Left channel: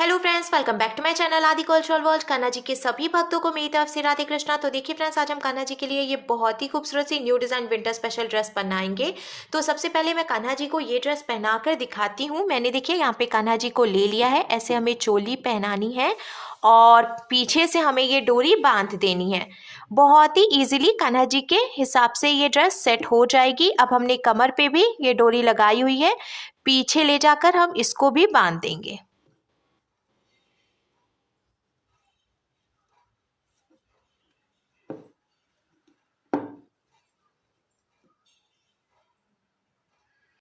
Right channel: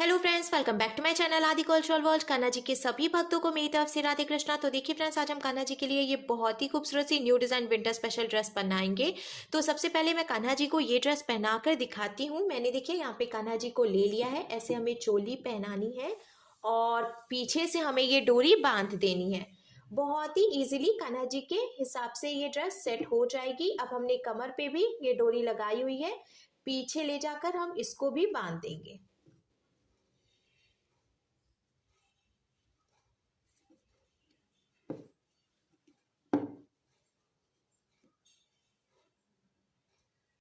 Hello friends, welcome back to my channel Aadi cultural world. Kanha ji के सभी भक्तों को मेरी तरफ से राधे कृष्णा। तो देखिए फ्रेंड्स, आज हम कान्हा जी के लिए ये बहुत ही खूबसूरत सी new design winter special dress बनाएंगे। तो सबसे पहले मैं कान्हा जी को ये ड्रेस पहनाकर दिखाती हूँ। मैंने देखिए यहाँ पे कान्हा जी को ले लिया है। ऐसे हमें चोली पहनानी है और पीछे से हमें ये डोरी बांध देनी है। बहुत ही इजीली कान्हा जी के हिसाब से ये ड्रेस सेट हो जाएगी। अब हमने कमर पे भी ये डोरी लगाई हुई है, पीछे ले जाकर हम इसको भी बांध देंगे।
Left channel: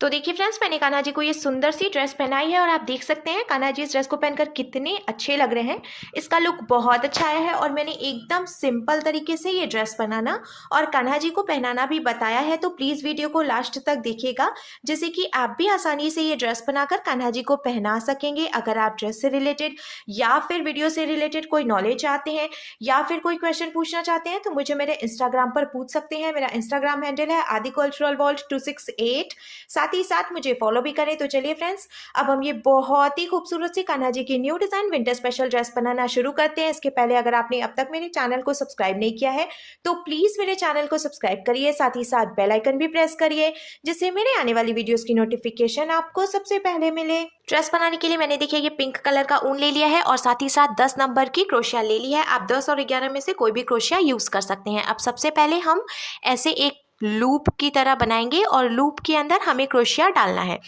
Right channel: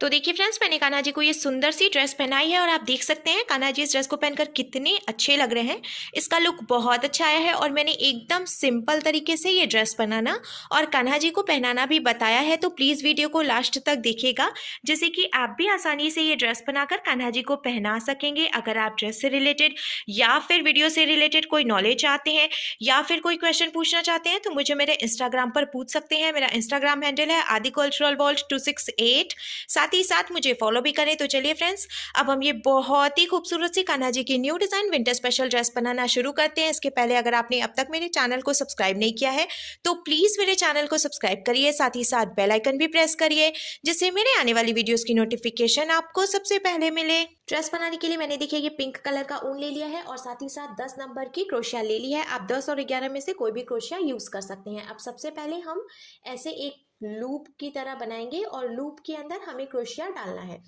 तो देखिए फ्रेंड्स, मैंने कान्हा जी को ये सुंदर सी ड्रेस पहनाई है और आप देख सकते हैं कान्हा जी इस ड्रेस को पहनकर कितने अच्छे लग रहे हैं। इसका लुक बहुत अच्छा आया है और मैंने एकदम सिंपल तरीके से ये ड्रेस बनाना और कान्हा जी को पहनाना भी बताया है। तो प्लीज़ वीडियो को लास्ट तक देखिएगा, जिससे कि आप भी आसानी से ये ड्रेस बनाकर कान्हा जी को पहना सकेंगे। अगर आप ड्रेस से रिलेटेड या फिर वीडियो से रिलेटेड कोई नॉलेज चाहते हैं या फिर कोई क्वेश्चन पूछना चाहते हैं तो मुझे मेरे इंस्टाग्राम पर पूछ सकते हैं। मेरा इंस्टाग्राम हैंडल है आदि कल्चरल वर्ल्ड 268। साथ ही साथ मुझे फॉलो भी करें। तो चलिए फ्रेंड्स, अब हम ये बहुत ही खूबसूरत सी कान्हा जी की new design winter special dress बनाना शुरू करते हैं। इसके पहले अगर आपने अब तक मेरे चैनल को सब्सक्राइब नहीं किया है तो प्लीज मेरे चैनल को सब्सक्राइब करिए, साथ ही साथ बेल आइकन भी प्रेस करिए, जिससे मेरे आने वाली वीडियोस की नोटिफिकेशन आपको सबसे पहले मिले। ड्रेस बनाने के लिए मैंने देखिए ये पिंक कलर का ऊन ले लिया है और साथ ही साथ 10 नंबर की क्रोशिया ले ली है। आप 10 और 11 में से कोई भी क्रोशिया यूज कर सकते हैं। अब सबसे पहले हम ऐसे एक लूप की तरह बनाएंगे और लूप के अंदर हमें क्रोशिया डालना है।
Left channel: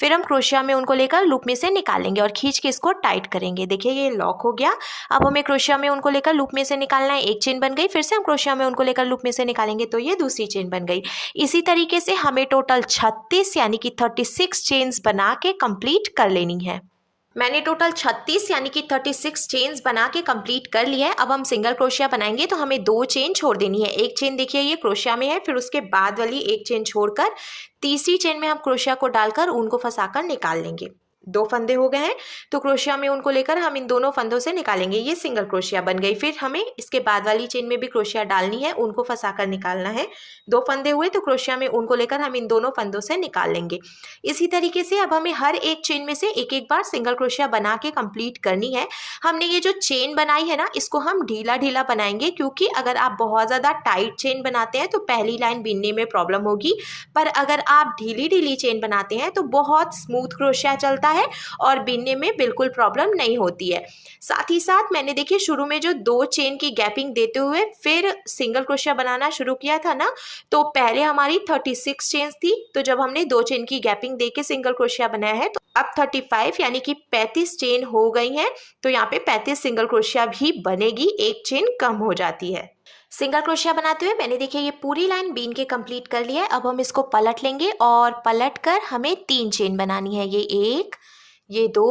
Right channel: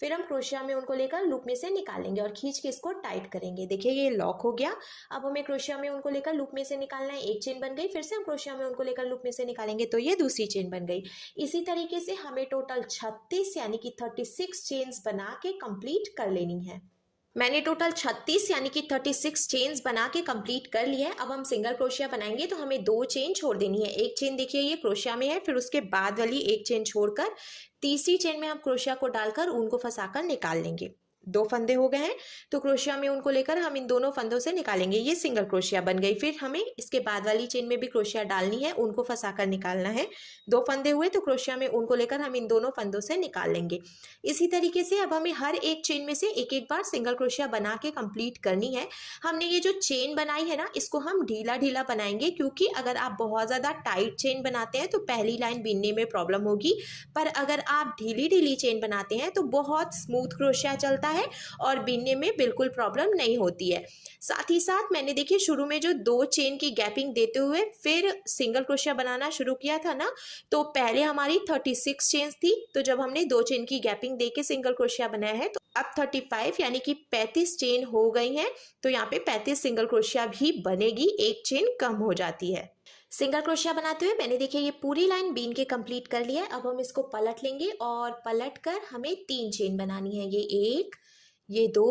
फिर हम क्रोशिया में उनको लेकर लूप में से निकालेंगे और खींच के इसको टाइट करेंगे। देखिए ये लॉक हो गया। अब हमें क्रोशिया में उनको लेकर लूप में से निकालना है। एक चेन बन गई, फिर से हम क्रोशिया में उनको लेकर लूप में से निकालेंगे तो ये दूसरी चेन बन गई। इसी तरीके से हमें टोटल 36 यानी कि 36 चेन्स बना के कंप्लीट कर लेनी है। मैंने टोटल 36 यानी कि 36 चेन्स बना के कंप्लीट कर लिया है। अब हम सिंगल क्रोशिया बनाएंगे तो हमें 2 चेन छोड़ देनी है। एक चेन देखिए ये क्रोशिया में है, फिर उसके बाद वाली एक चेन छोड़कर तीसरी चेन में हम क्रोशिया को डालकर ऊन को फंसाकर निकाल लेंगे। 2 फंदे हो गए हैं तो क्रोशिया में उनको लेकर हम इन दोनों फंदों से निकालेंगे। ये सिंगल क्रोशिया बन गई। फिर हमें इसके बाद वाली चेन में भी क्रोशिया डालनी है, उनको फंसाकर निकालना है। 2 फंदे हुए तो क्रोशिया में उनको लेकर हम इन दोनों फंदों से निकाल लेंगे। इसी तरीके से अब हमें हर एक चेन में से एक एक बार सिंगल क्रोशिया बना के कंप्लीट करनी है। हमने ये जो चेन बनाई है ना, इसको हम ढीला ढीला बनाएंगे, क्योंकि अगर आप बहुत ज़्यादा टाइट चेन बनाते हैं तो पहली लाइन बिनने में प्रॉब्लम होगी। पर अगर आप ढीली ढीली चेन बनाते हैं तो बहुत स्मूथ क्रोशिया चलता है और बिनने में बिल्कुल प्रॉब्लम नहीं होती है। साथ ही साथ मैंने देखिए शुरू में जो 2 चेन की गैपिंग देते हुए फिर सिंगल क्रोशिया बनाना शुरू किया था ना, तो पहले हमारी 36 चेन्स थी। तो जब हमने 2 चेन की गैपिंग देके सिंगल क्रोशिया बनाया है तो अब 35 यानी कि 35 चेन हो गई हैं। तो यहाँ पे 35 सिंगल क्रोशिया भी बनेगी, एक चेन कम हो जाती है। सिंगल क्रोशिया बनाते हुए मैंने देखिए ये पूरी लाइन बीन के कंप्लीट कर लिया है। अब हम इसको पलट लेंगे और पलट कर हमें 3 चेन बनानी है। ये 1, ये 2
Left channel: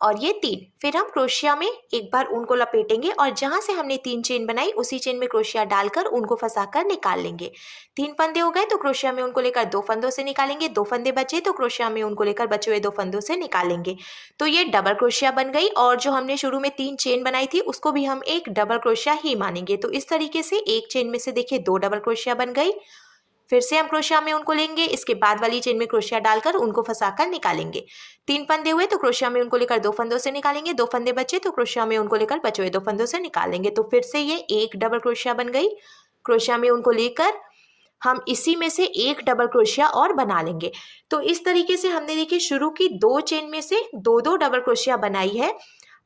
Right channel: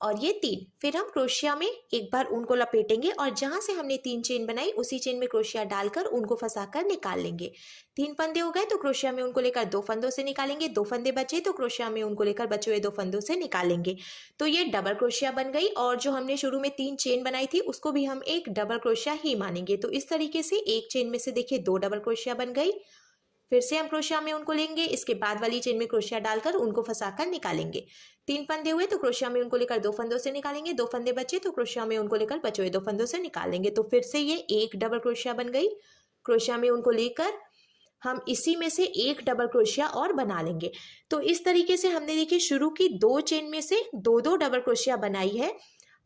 और ये 3। फिर हम क्रोशिया में एक बार ऊन को लपेटेंगे और जहां से हमने 3 चेन बनाई उसी चेन में क्रोशिया डालकर ऊन को फंसाकर निकाल लेंगे। 3 फंदे हो गए तो क्रोशिया में उनको लेकर 2 फंदों से निकालेंगे। 2 फंदे बचे तो क्रोशिया में उनको लेकर बचे हुए 2 फंदों से निकालेंगे। तो ये डबल क्रोशिया बन गई और जो हमने शुरू में 3 चेन बनाई थी उसको भी हम एक डबल क्रोशिया ही मानेंगे। तो इस तरीके से एक चेन में से देखिए 2 डबल क्रोशिया बन गई। फिर से हम क्रोशिया में उनको लेंगे, इसके बाद वाली चेन में क्रोशिया डालकर उनको फंसाकर निकालेंगे। 3 फंदे हुए तो क्रोशिया में उनको लेकर 2 फंदों से निकालेंगे। 2 फंदे बचे तो क्रोशिया में उनको लेकर बचे हुए 2 फंदों से निकालेंगे। तो फिर से ये एक डबल क्रोशिया बन गई। क्रोशिया में उनको लेकर हम इसी में से एक डबल क्रोशिया और बना लेंगे। तो इस तरीके से हमने देखिए शुरू की 2 चेन में से 2-2 डबल क्रोशिया बनाई है।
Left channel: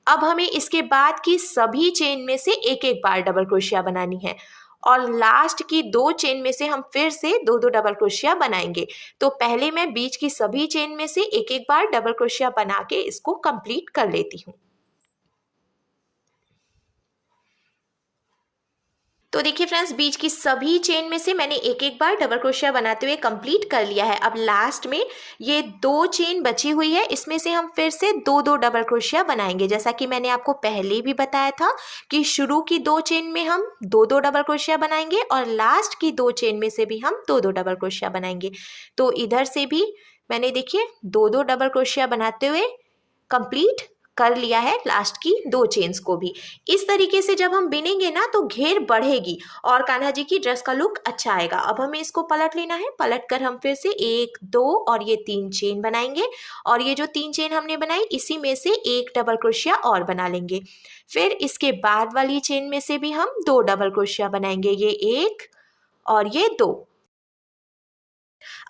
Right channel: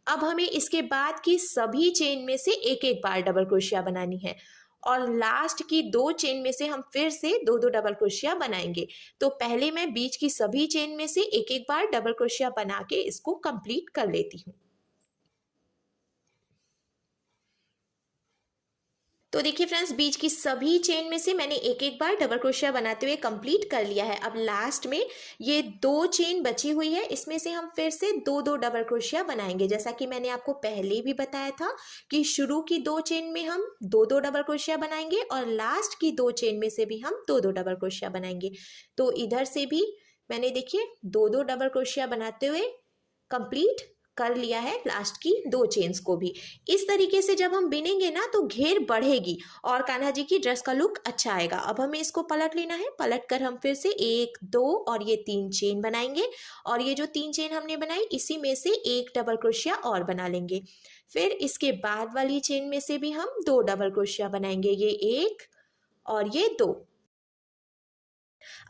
अब हमें इसके बाद की सभी चेन में से एक एक बार डबल क्रोशिया बनानी है और लास्ट की 2 चेन में से हम फिर से 2-2 डबल क्रोशिया बनाएंगे। तो पहले मैं बीच की सभी चेन में से एक एक बार डबल क्रोशिया बना के इसको कंप्लीट कर लेती हूँ। तो देखिए फ्रेंड्स, बीच की सभी चेन में से मैंने एक एक बार डबल क्रोशिया बनाते हुए कंप्लीट कर लिया है। अब लास्ट में ये 2 चेन बची हुई है, इसमें से हम फिर से 2-2 डबल क्रोशिया बनाएंगे। जैसा कि मैंने आपको पहले भी बताया था कि शुरू की 2 चेन में हम 2-2 डबल क्रोशिया बनाएंगे और लास्ट की 2 चेन में से भी हम 2-2 डबल क्रोशिया बनाएंगे। तो इधर से भी मैंने देखिए 2-2 डबल क्रोशिया बनाते हुए कंप्लीट कर लिया है लास्ट की 2 चेन्स को भी। इस तरीके से जब हम बिनेंगे ना तो घेर बढ़ेगी और कान्हा जी की ड्रेस का लुक अच्छा आएगा। अब हमें इसको पलट लेना है, पलट कर हम फिर से 1 2 और ये 3 चेन बनाएंगे और ये जो 3 चेन हमने बनाई इसी में से एक डबल क्रोशिया और बना लेंगे। फिर इसके बाद वाली चेन में से भी हम 2 डबल क्रोशिया बनाएंगे, ये 1 और ये 2।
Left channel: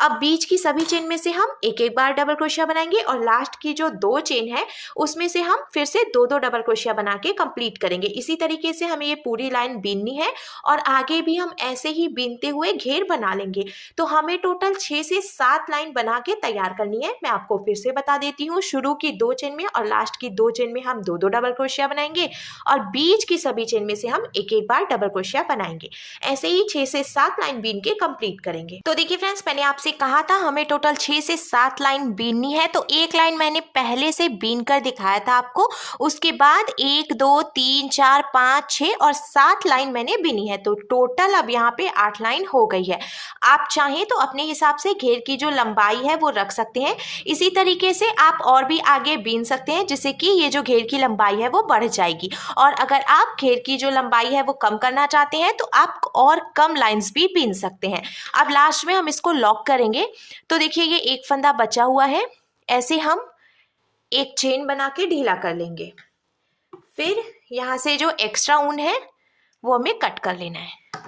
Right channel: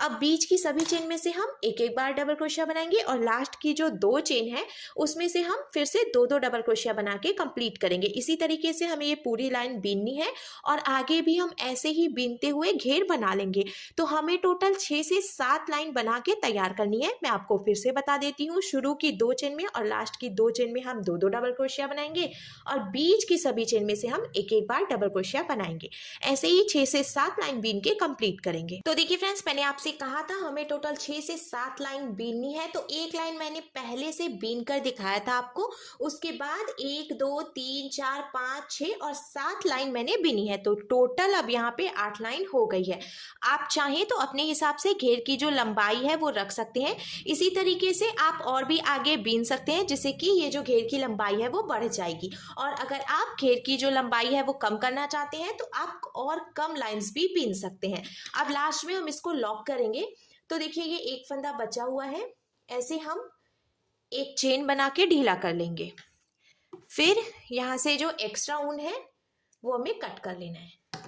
अब बीच की सभी चेन में से हम एक एक बार डबल क्रोशिया बनाएंगे और लास्ट की जो 2 चेन है उसमें से हम फिर से 2 डबल क्रोशिया बना के कंप्लीट करेंगे। इसी तरीके से हमें ये पूरी लाइन बीननी है और आगे भी हम ऐसे ही बीनते हुए घेर बना लेंगे। तो हमें टोटल 6 से 7 लाइन बना के तैयार करनी है। मैं आपको फिर से बता देती हूँ, शुरू की 2 चेन में और लास्ट की 2 चेन में हम 2 डबल क्रोशिया बनाएंगे और बीच की सभी चेन में से हम एक एक बार डबल क्रोशिया बनाएंगे। ऐसे ही 6 से 7 लाइन बीन के कंप्लीट करेंगे। तो देखिए फ्रेंड्स, मैंने आपसे कहा था हमें टोटल 6 से 7 लाइन बीननी है, तो एक लाइन मैंने पहले से बीन कर दिखाया था आपको। उसके बाद 1 2 3 4 5 6 और 7 लाइन मैंने बीनी है, तो टोटल अब यहाँ पे 8 लाइन हो गई है। आप चाहें तो अपने हिसाब से घेर की जो लंबाई है वो रख सकते हैं। इसी तरीके से आप और भी आगे बीन सकते हैं जिससे कि ये जो घेर की लंबाई है वो बढ़ जाएगी। और अगर आप घेर की जो लंबाई है वो कम करना चाहते हैं तो आप और कम लाइंस भी बीन सकते हैं। अब लास्ट में हम इसको लॉक करेंगे। तो देखिए ये एक फंदा बचा हुआ है, ऐसे हम एक चेन बना के ढीला कर लेंगे। फिर यहाँ से जो एक्स्ट्रा ऊन है वो हमें कट कर लेना है।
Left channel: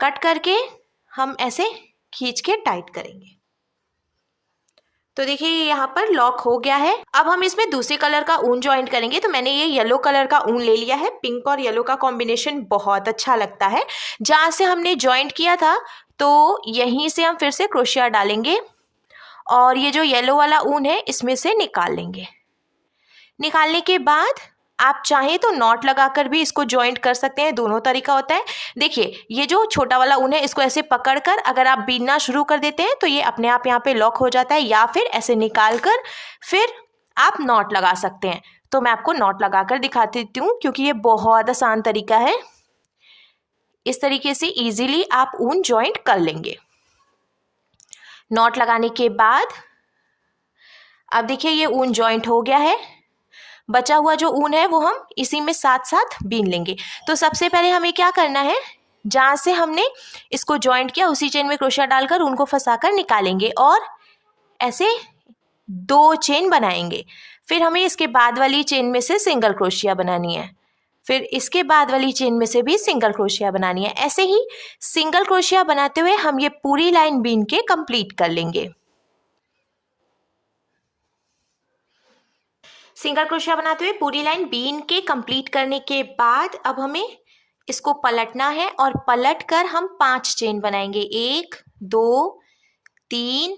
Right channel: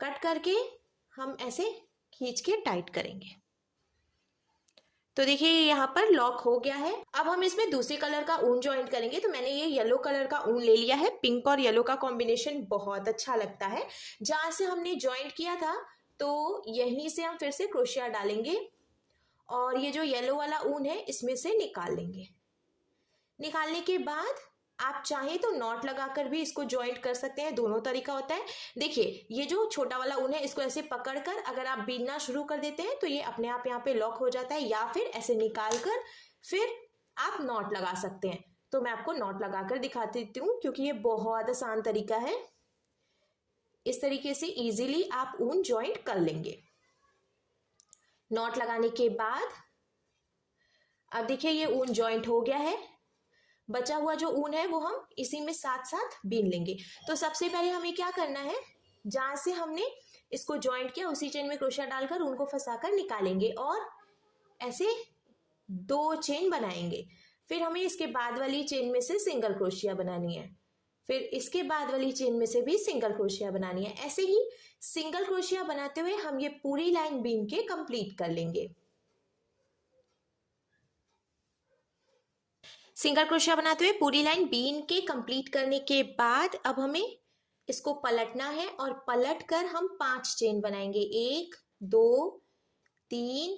कट करके हम ऐसे खींच के टाइट करेंगे। तो देखिए ये यहाँ पर लॉक हो गया है। अब हम इसमें दूसरे कलर का ऊन ज्वाइंट करेंगे। तो मैंने ये येलो कलर का ऊन ले लिया है। पिंक और येलो का कॉम्बिनेशन बहुत अच्छा लगता है। जहाँ से हमने ज्वाइंट किया था तो यहीं से हम फिर से क्रोशिया डालेंगे और ये जो येलो वाला ऊन है इसमें से निकाल लेंगे। निकालने के बाद आप चाहें तो नॉट लगाकर भी इसको ज्वाइंट कर सकते हैं, दोनों तरीका होता है। देखिए ये जो छोटा वाला ऊन है इसको ऐसे पकड़कर अगर आप बीनना शुरू कर देते हैं तो ये अपने आप यहाँ पे लॉक हो जाता है, या फिर ऐसे निकाल कर फिर आप नॉट लगा सकते हैं। तो मैं आपको नॉट लगाकर दिखा देती हूँ क्योंकि ये बहुत आसान तरीका है। इस तरीके से इजीली आप ऊन ज्वाइंट कर लेंगे। नॉट लगाने के बाद अब देखिए ये ऊन ज्वाइंट हो गया है। बचा हुआ जो ऊन है वो हम इसी में साथ साथ बीन लेंगे। तो सबसे पहले हमें क्या करना है, जहाँ से हमने इसको ज्वाइंट किया उसी चेन में क्रोशिया डालकर ऊन को फंसाकर निकालेंगे और ऐसे 2 चेन बनाएंगे। फिर हमें इसके बाद वाली चेन में से सिंगल क्रोशिया बनानी है, फिर इसके बाद वाली चेन में से भी सिंगल क्रोशिया बनानी है। ऐसे ही सिंगल क्रोशिया बनाते हुए हम ये पूरी लाइन बीन के कंप्लीट कर लेंगे। सिंगल क्रोशिया बनाते हुए पूरी लाइन बीन के कंप्लीट करने के बाद अब हमें इसको पलटना है और पलट कर हम 5 चेन बनाएंगे। 1 2 3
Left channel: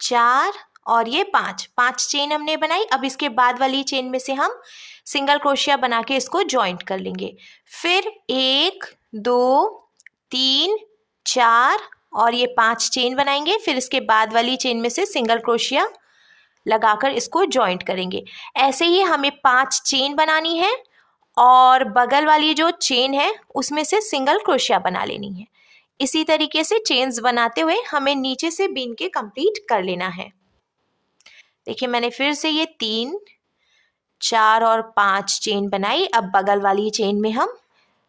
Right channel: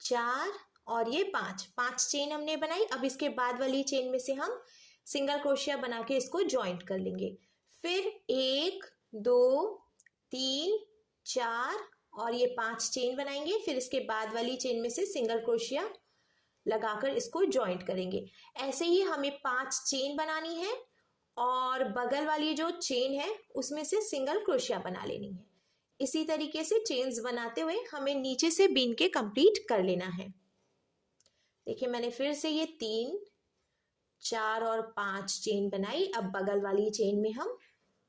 4 और ये 5 चेन हमने बनाई। अब इसके बाद वाली चेन में से हम सिंगल क्रोशिया बना के इसको ज्वाइंट कर लेंगे। फिर 1 2 3 4 और ये 5 चेन बनाएंगे। फिर इसके बाद वाली चेन में से सिंगल क्रोशिया लगाकर इसको ज्वाइंट करेंगे। ऐसे ही हमें 5 चेन बनानी है और बगल वाली जो चेन है उसमें से सिंगल क्रोशिया बना लेनी है। इसी तरीके से चेन्स बनाते हुए हमें नीचे से बीन के कंप्लीट कर लेना है। देखिए मैंने फिर से ये 3 4 और 5 चेन बनाई। अब बगल वाली चेन में हम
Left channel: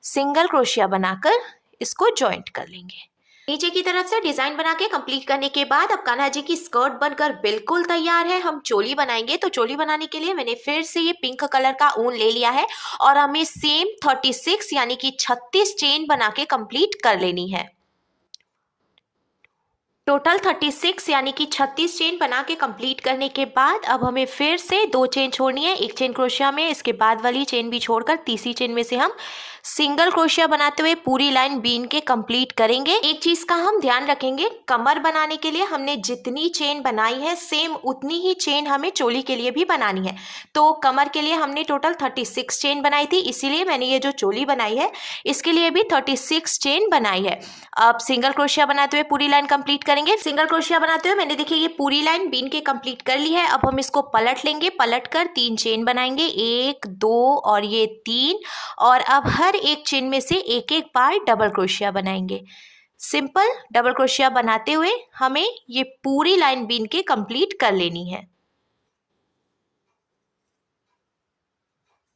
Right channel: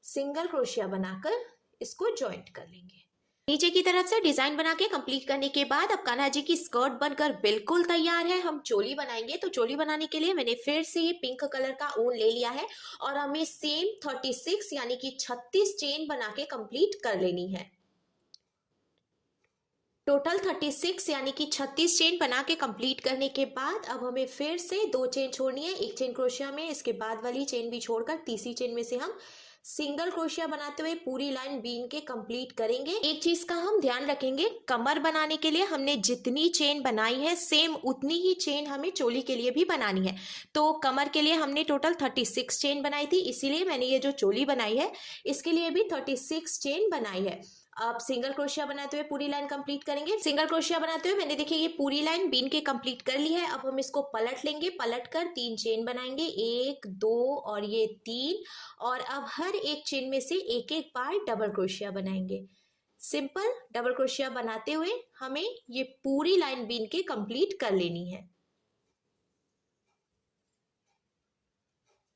सिंगल क्रोशिया बनाकर इसको ज्वाइंट कर लेंगे। नीचे की तरफ से डिजाइन बना के कंप्लीट करने के बाद अब कान्हा जी की स्कर्ट बनकर बिल्कुल तैयार है। हम चोली बनाएंगे। तो चोली बनाने के लिए मैंने फिर से ये पिंक कलर का ऊन ले लिया है और हमें सेम 36 यानी कि 36 चेन बना के कंप्लीट कर लेनी है। टोटल 36 यानी कि 36 चेन बना के कंप्लीट करने के बाद अब हमें फिर से 2 चेन छोड़नी है। एक चेन क्रोशिया में, इसके बाद वाली चेन भी छोड़कर तीसरी चेन में से हम सिंगल क्रोशिया बनाते हुए पूरी लाइन बीन के कंप्लीट करेंगे। एक चीज का हम ध्यान रखेंगे, कमर बनाने के लिए हमने जितनी चेन बनाई है सेम उतनी ही चेन हमें चोली के लिए भी बनानी है। तो कमर के लिए हमने टोटल 36 चेन बनाई थी, इसीलिए मैंने ये जो चोली बनाई है इसके लिए भी 36 चेन बनाई है। अब सिंगल क्रोशिया बनाते हुए पूरी लाइन कंप्लीट करेंगे। सिंगल क्रोशिया बनाते हुए मैंने देखिए ये पूरी लाइन बीन के कंप्लीट कर ली है। अब हम इसको पलट लेंगे, पलट कर 3 चेन बनाएंगे, 1 2 और ये 3, और अब हर एक चेन में से एक एक बार डबल क्रोशिया बनाएंगे। सिंपल डबल क्रोशिया बनाते हुए हमें ये पूरी लाइन बीन के कंप्लीट कर लेनी है।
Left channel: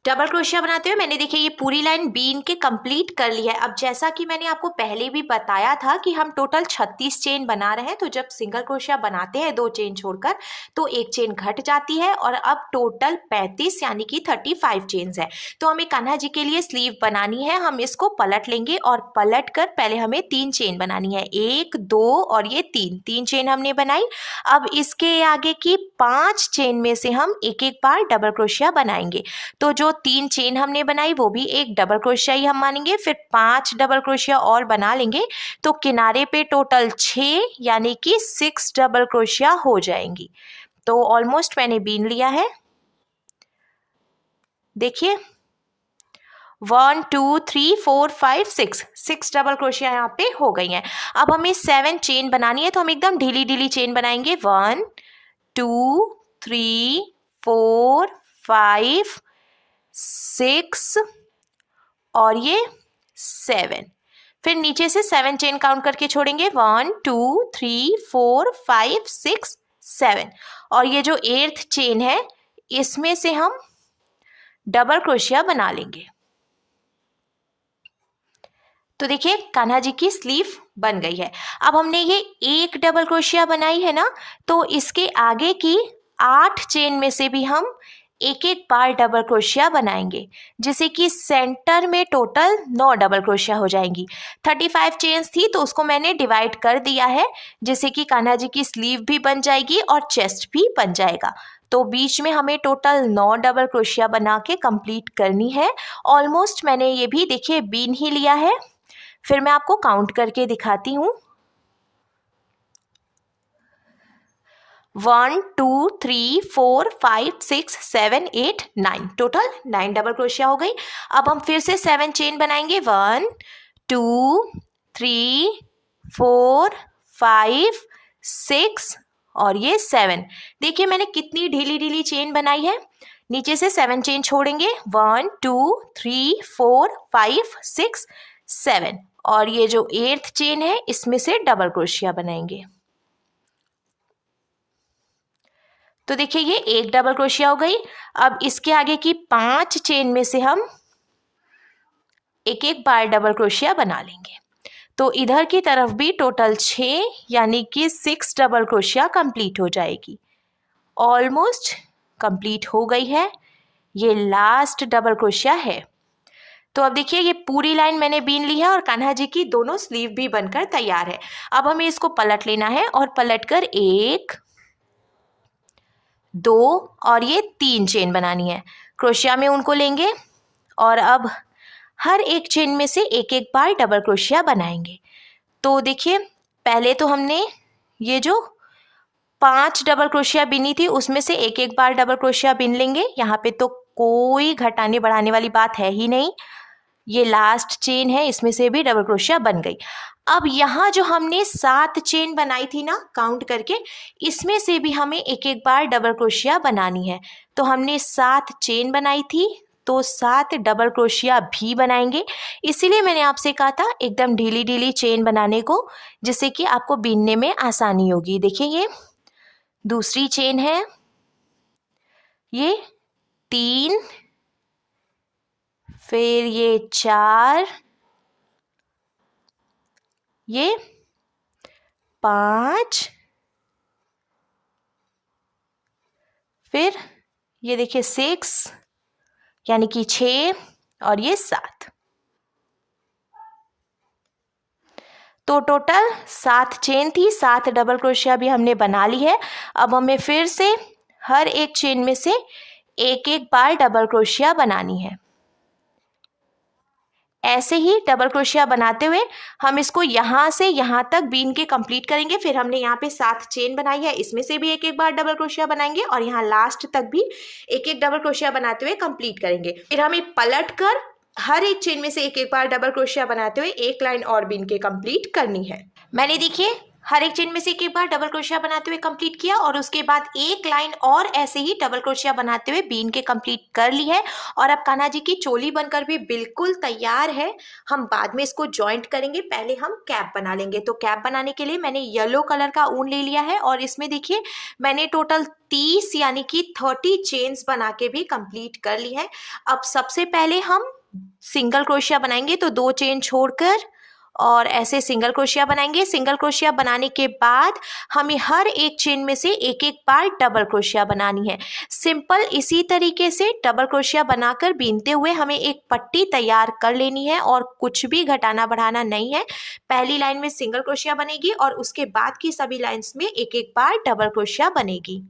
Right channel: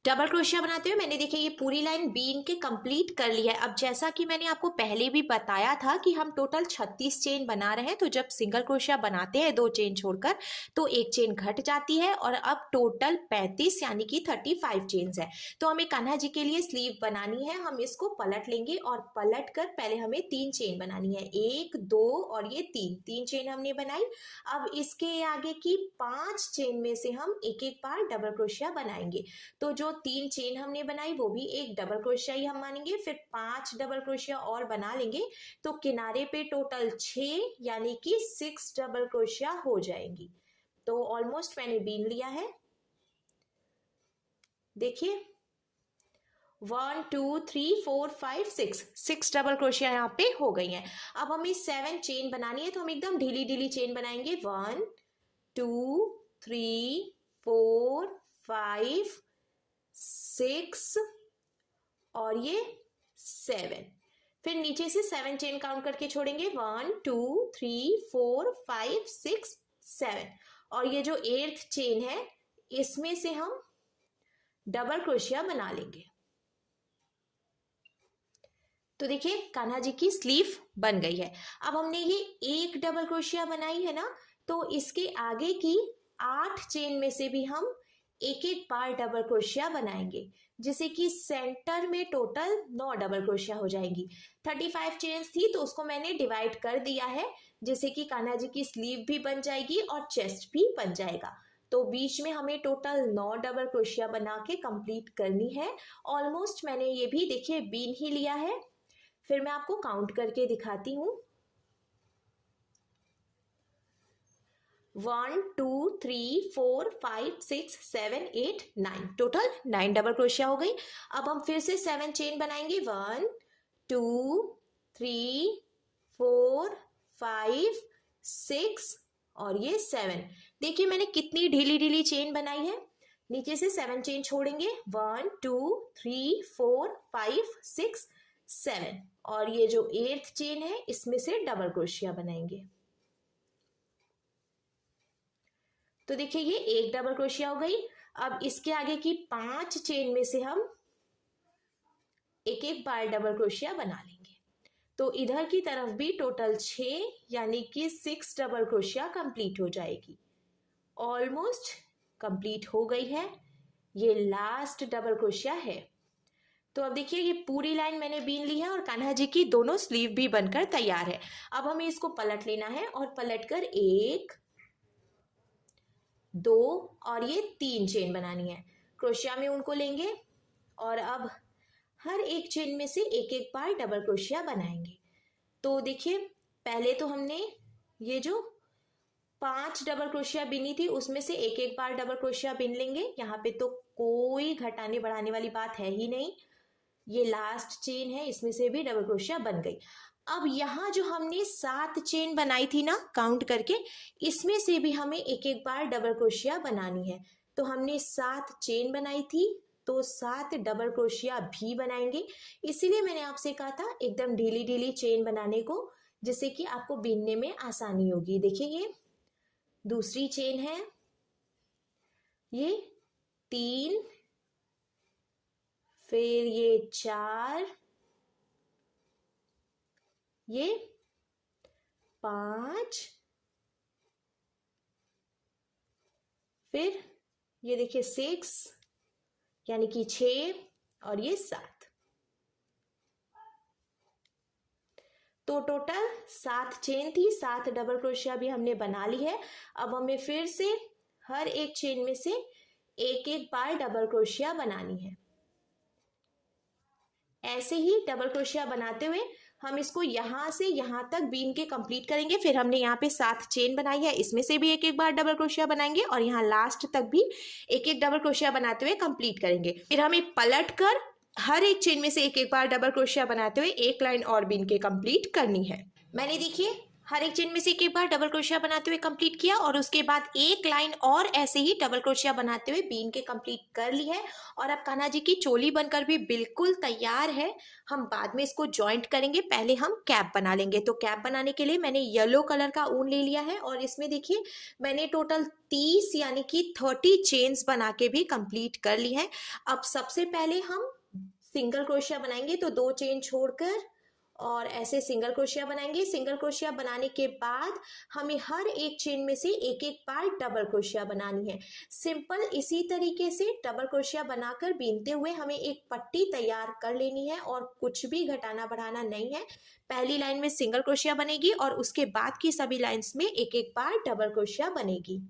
डबल क्रोशिया बनाते हुए मैंने देखिए ये पूरी लाइन बीन के कंप्लीट कर ली है। अब जैसा कि मैंने आपको पहले भी बताया था कि हम टोटल 36 चेन बना रहे हैं, तो जब सिंगल क्रोशिया बनाते हैं 2 चेन छोड़कर तो 1 चेन घट जाती है और अब टोटल 35 यानी कि 35 चेन्स है। तो हमें कान्हा जी के लिए स्लीव बनानी है। हम इसको पलट लेंगे और पलट कर पहले हमें 3 चेन बनानी है, 1 2 और ये 3 चेन हमने बनाई। अब इसके आगे की 5 चेन में से हम एक एक बार डबल क्रोशिया बनाएंगे। तो जो 3 चेन हमने बनाई वो भी एक डबल क्रोशिया ही हम मानेंगे, फिर 5 डबल क्रोशिया और बना लेंगे तो किनारे पे टोटल 6 यानी कि 6 डबल क्रोशिया हो जाएंगी। तो ऑलमोस्ट मैंने बीन लिया है, देखिए 1 2 3 4 5 6 डबल क्रोशिया यहाँ पे हो गई हैं। अब हमें 7 चेन बनानी है, तो हम एकदम ढीली ढीली चेन बनाएंगे। 1 2 3 4 5 6 और ये 7, फिर नीचे से 7 चेन काउंट करके छोड़ेंगे। 1 2 3 4 5 6 7 और ये जो 8th चेन है इसमें से हम डबल क्रोशिया बना लेंगे। तो देखिए कान्हा जी की स्लीव बन गई है। अब हमने ये एक डबल क्रोशिया बनाई है ना, तो इसके आगे की 8 चेन में से भी हम एक एक बार डबल क्रोशिया बनाएंगे, जिससे कि सेंटर में टोटल 9 डबल क्रोशिया हो जाएंगी। 35 चेन्स थी तो उसको मैंने डिवाइड कर दिया है, जिससे कि कान्हा जी की स्लीव भी बन जाएगी और चेस्ट भी बन जाएगा। तो बीच में हमें टोटल 9 डबल क्रोशिया बना के कंप्लीट करनी है। ऑलमोस्ट मैंने ये भी देखिए बीन ही लिया है, फिर मैं आपको काउंट करके दिखाती हूँ। 1 2 3 4 5 6 7 8 9 टोटल 9 डबल क्रोशिया हो गई। अब हम फिर से 7 चेन बनाएंगे। 1 2 3 4 5 6 और ये 7। देखिए मैंने कितनी ढीली ढीली चेन बनाई है। नीचे से 7 चेन छोड़ेंगे। 1 2 3 4 5 6 7 और ये जो 8th चेन है इसमें से डबल क्रोशिया बनाएंगे। तो देखिए ये एक डबल क्रोशिया हो गई। अब इसके आगे की 5 चेन में से हम एक एक बार डबल क्रोशिया बना लेंगे। तो इधर की तरफ भी टोटल 6 यानी कि 6 डबल क्रोशिया कंप्लीट हो जाएगी। ऑलमोस्ट कंप्लीट हो गई है, ये लास्ट डबल क्रोशिया है। तो अब देखिए ये पूरी लाइन मैंने बीन ली है और कान्हा जी की दोनों स्लीव भी बनकर तैयार है। अब हमें इसको पलट लेना है और पलटकर 1 2 और ये 3 चेन बनानी है। क्रोशिया में उनको लेंगे और अब हर एक चेन में से एक एक बार डबल क्रोशिया बनाएंगे। तो देखिए पहले तो हमने ये जो 5 डबल क्रोशिया बिनी थी उसमें से एक एक बार डबल क्रोशिया बिन लेंगे। यहाँ पे तो कोई घटाने बढ़ाने वाली बात है ही नहीं। ये लास्ट चेन है, इसमें से भी डबल क्रोशिया बन गई। अब यहाँ जो हमने 7 चेन बनाई थी ना काउंट करके, इसमें से भी हमें एक एक बार डबल क्रोशिया बनानी है। तो हमने 7 चेन बनाई थी तो 7 डबल क्रोशिया भी बनाएंगे। इसीलिए मैंने आपसे कहा था एकदम ढीली ढीली चेन बनाने को, जिससे कि आपको बीनने में आसानी होगी। देखिए ये दूसरी चेन है, ये 3, फिर ये 4, ये 5, फिर ये देखिए 6 यानी कि 6 और ये 7। तो टोटल 7 चेन थी, 7 डबल क्रोशिया भी हमने बना ली है। अब हमें फिर से हर एक चेन में से एक एक बार डबल क्रोशिया बनानी है। ऐसे ही डबल क्रोशिया बनाते हुए हम इसको यहाँ से यहाँ तक बीन के कंप्लीट करेंगे। फिर हमने यहाँ पे 7 चेन बनाई है, इसमें से भी एक एक बार डबल क्रोशिया बनाएंगे और यहाँ लास्ट तक भी एक एक डबल क्रोशिया बनाते हुए कंप्लीट करेंगे। फिर हमें पलट कर हर एक चेन में से एक एक बार डबल क्रोशिया बनाते हुए एक लाइन और बीन के कंप्लीट करनी है। मैंने देखिए हर एक चेन में से एक बार डबल क्रोशिया बनाते हुए कंप्लीट किया और उसके बाद एक लाइन और ऐसे ही डबल क्रोशिया बनाते हुए बीन के कंप्लीट कर ली है। और अब कान्हा जी की चोली बनकर भी बिल्कुल तैयार है। हम बाद में इसको जॉइंट करेंगे, पहले हम कैप बना लेंगे। तो कैप बनाने के लिए मैंने येलो कलर का ऊन ले लिया है और इसमें देखिए मैंने टोटल 30 यानी कि 30 चेन्स बना के भी कंप्लीट कर ली है। अब सबसे पहले हम सिंगल क्रोशिया बनाएंगे, तो 2 चेन छोड़कर और ऐसे सिंगल क्रोशिया बनाएंगे। सिंगल क्रोशिया बनाने के बाद हमें हर एक चेन में से एक एक बार डबल क्रोशिया बनानी है। सिंपल इसी तरीके से डबल क्रोशिया बनाकर बीनते हुए हमें एक पट्टी तैयार कर लेनी है और कुछ भी घटाना बढ़ाना नहीं है। पहली लाइन में सिंगल क्रोशिया बनेगी और उसके बाद की सभी लाइंस में एक एक बार डबल क्रोशिया बनेगी।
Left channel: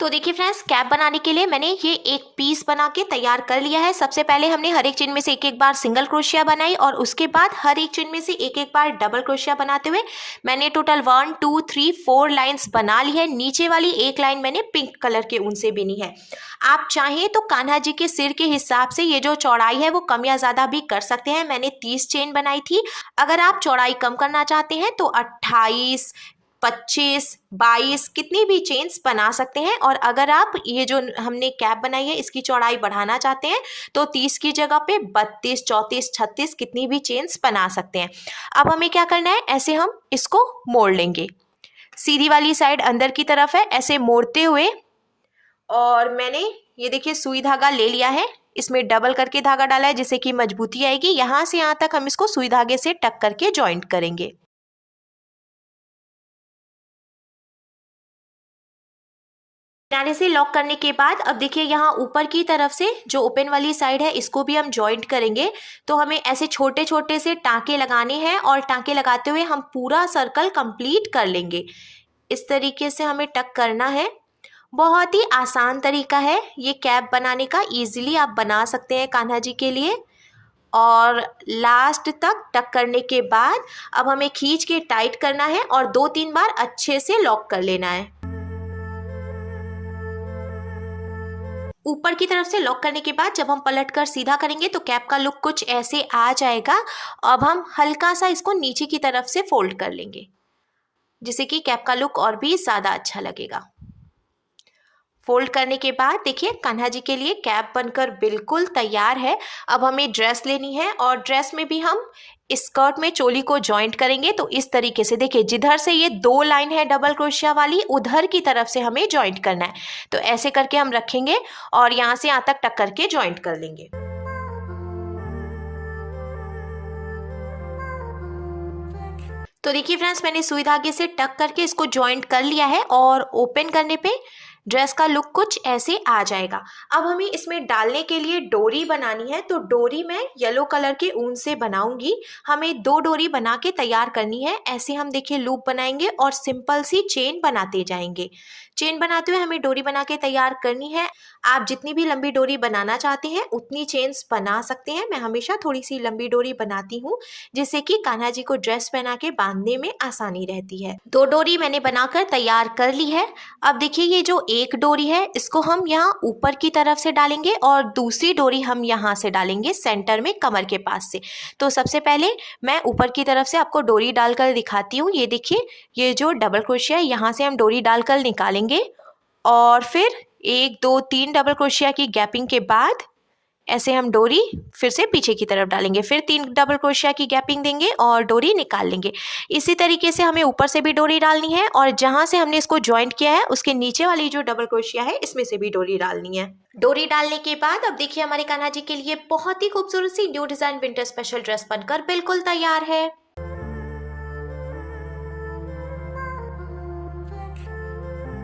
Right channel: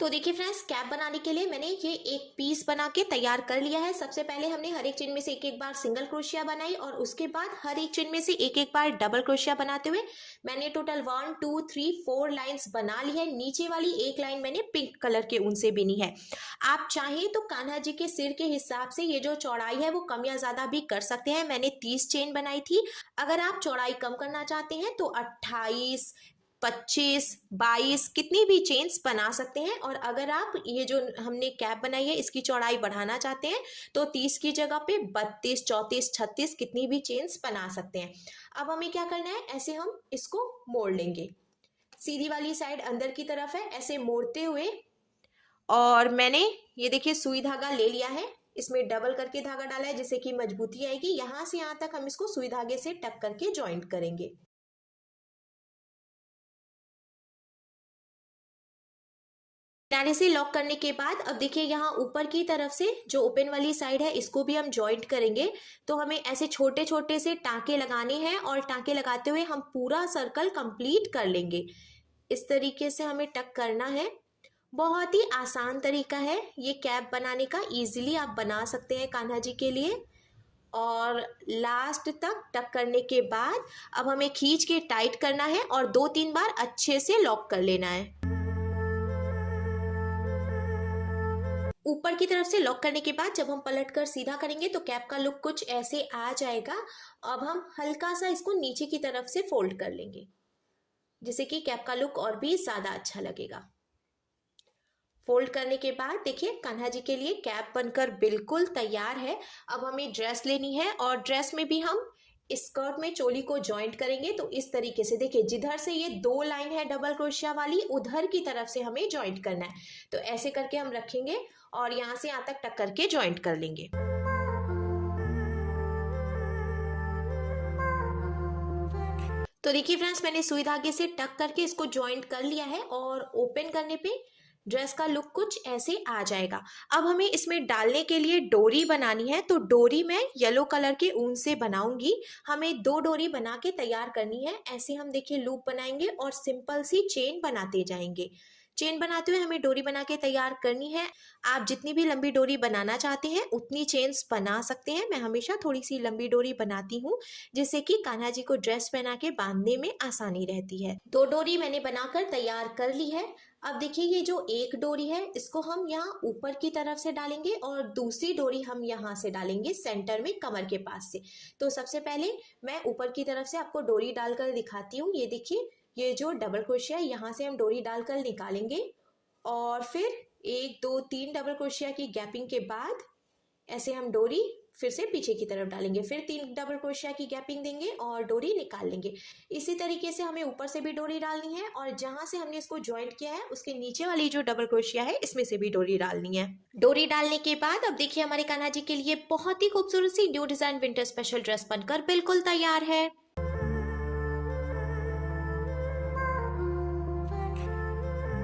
तो देखिए फ्रेंड्स, कैप बनाने के लिए मैंने ये एक पीस बना के तैयार कर लिया है। सबसे पहले हमने हर एक चेन में से एक एक बार सिंगल क्रोशिया बनाई और उसके बाद हर एक चेन में से एक एक बार डबल क्रोशिया बनाते हुए मैंने टोटल 1 2 3 4 लाइंस बना ली है। नीचे वाली एक लाइन मैंने पिंक कलर के ऊन से बीनी है। आप चाहें तो कान्हा जी के सिर के हिसाब से ये जो चौड़ाई है वो कम या ज़्यादा भी कर सकते हैं। मैंने 30 चेन बनाई थी। अगर आप चौड़ाई कम करना चाहते हैं तो 28 25 22 कितनी भी चेन्स बना सकते हैं। और अगर आप ये जो हमने कैप बनाई है इसकी चौड़ाई बढ़ाना चाहते हैं तो 30 की जगह पे 32 34 36 कितनी भी चेन्स बना सकते हैं। अब हमें क्या करना है, ऐसे हम इसको मोड़ लेंगे। सीधी वाली साइड अंदर की तरफ है, ऐसे मोड़ते हुए और मैंने ये देखिए सुई धागा ले लिया है। इसमें डबल करके धागा डाला है जिससे कि मजबूती आएगी। यहाँ से यहाँ तक हम इसको सुई धागे से टक करके ज्वाइंट करेंगे। किनारे से लॉक करने के बाद अब देखिए यहाँ ऊपर की तरफ से जो ओपन वाली साइड है इसको भी हम जॉइंट करेंगे। तो हमें ऐसे छोटे छोटे से टाँके लगाने हैं और टाँके लगाते हुए हम पूरा सर्कल कंप्लीट कर लेंगे। इस तरीके से हमें टक करना है। बहुत ही आसान तरीका है ये कैप बनाने का, इजीली आप बना सकते हैं कान्हा जी के लिए। और लास्ट तक टक करने के बाद अब हमें खींच के टाइट करना है और 2-3 बार अच्छे से लॉक कर लेना है। ऊपर की तरफ से लॉक करने के बाद जब हम पलट कर सीधा करेंगे तो कैप का लुक कुछ ऐसे आ जाएगा। अब हम हल्का सा इसको नीचे की तरफ से फोल्ड कर लेंगे जिससे कि कैप का लुक और भी ज़्यादा अच्छा लगेगा। फोल्ड करने के बाद देखिए कान्हा जी के लिए कैप बनकर बिल्कुल तैयार है। अब हमें ड्रेस लेनी है और ड्रेस में भी हम स्कर्ट में चोली को जॉइंट करेंगे। तो इस तरीके से देखिए जिधर से ये 2 लाइन है डबल क्रोशिया वाली उधर की तरफ से हमें जॉइंट करना है। तो ऐसे करके हम रखेंगे और यहाँ से यहाँ तक टक करके जॉइंट कर लेंगे। तो देखिए फ्रेंड्स, मैंने सुई धागे से टक करके इसको जॉइंट कर लिया है और ओपन करने पे ड्रेस का लुक कुछ ऐसे आ जाएगा। अब हमें इसमें डालने के लिए डोरी बनानी है। तो डोरी मैं येलो कलर के ऊन से बनाऊंगी। हमें 2 डोरी बना के तैयार करनी है। ऐसे हम देखिए लूप बनाएंगे और सिंपल सी चेन बनाते जाएंगे। चेन बनाते हुए हमें डोरी बना के तैयार करनी है। आप जितनी भी लंबी डोरी बनाना चाहते हैं उतनी चेन्स बना सकते हैं। मैं हमेशा थोड़ी सी लंबी डोरी बनाती हूँ जिससे कि कान्हा जी को ड्रेस पहना के बांधने में आसानी रहती है। 2 डोरी मैंने बनाकर तैयार कर ली है। अब देखिए ये जो एक डोरी है इसको हम यहाँ ऊपर की तरफ से डालेंगे और दूसरी डोरी हम यहाँ से डालेंगे सेंटर में कमर के पास से। तो सबसे पहले मैं ऊपर की तरफ से आपको डोरी डालकर दिखाती हूँ। ये देखिए ये जो डबल क्रोशिया है यहाँ से हम डोरी डालकर निकालेंगे और फिर 1 2 3 डबल क्रोशिया की गैपिंग के बाद ऐसे हम डोरी फिर से पीछे की तरफ डालेंगे, फिर 3 डबल क्रोशिया की गैपिंग देंगे और डोरी निकाल लेंगे। इसी तरीके से हमें ऊपर से भी डोरी डालनी है और जहाँ से हमने इसको जॉइंट किया है उसके नीचे वाली जो डबल क्रोशिया है इसमें से भी डोरी डालनी है। डोरी डालने के बाद अब देखिए हमारे कान्हा जी के लिए बहुत ही खूबसूरत सी new design winter special dress बनकर बिल्कुल तैयार है।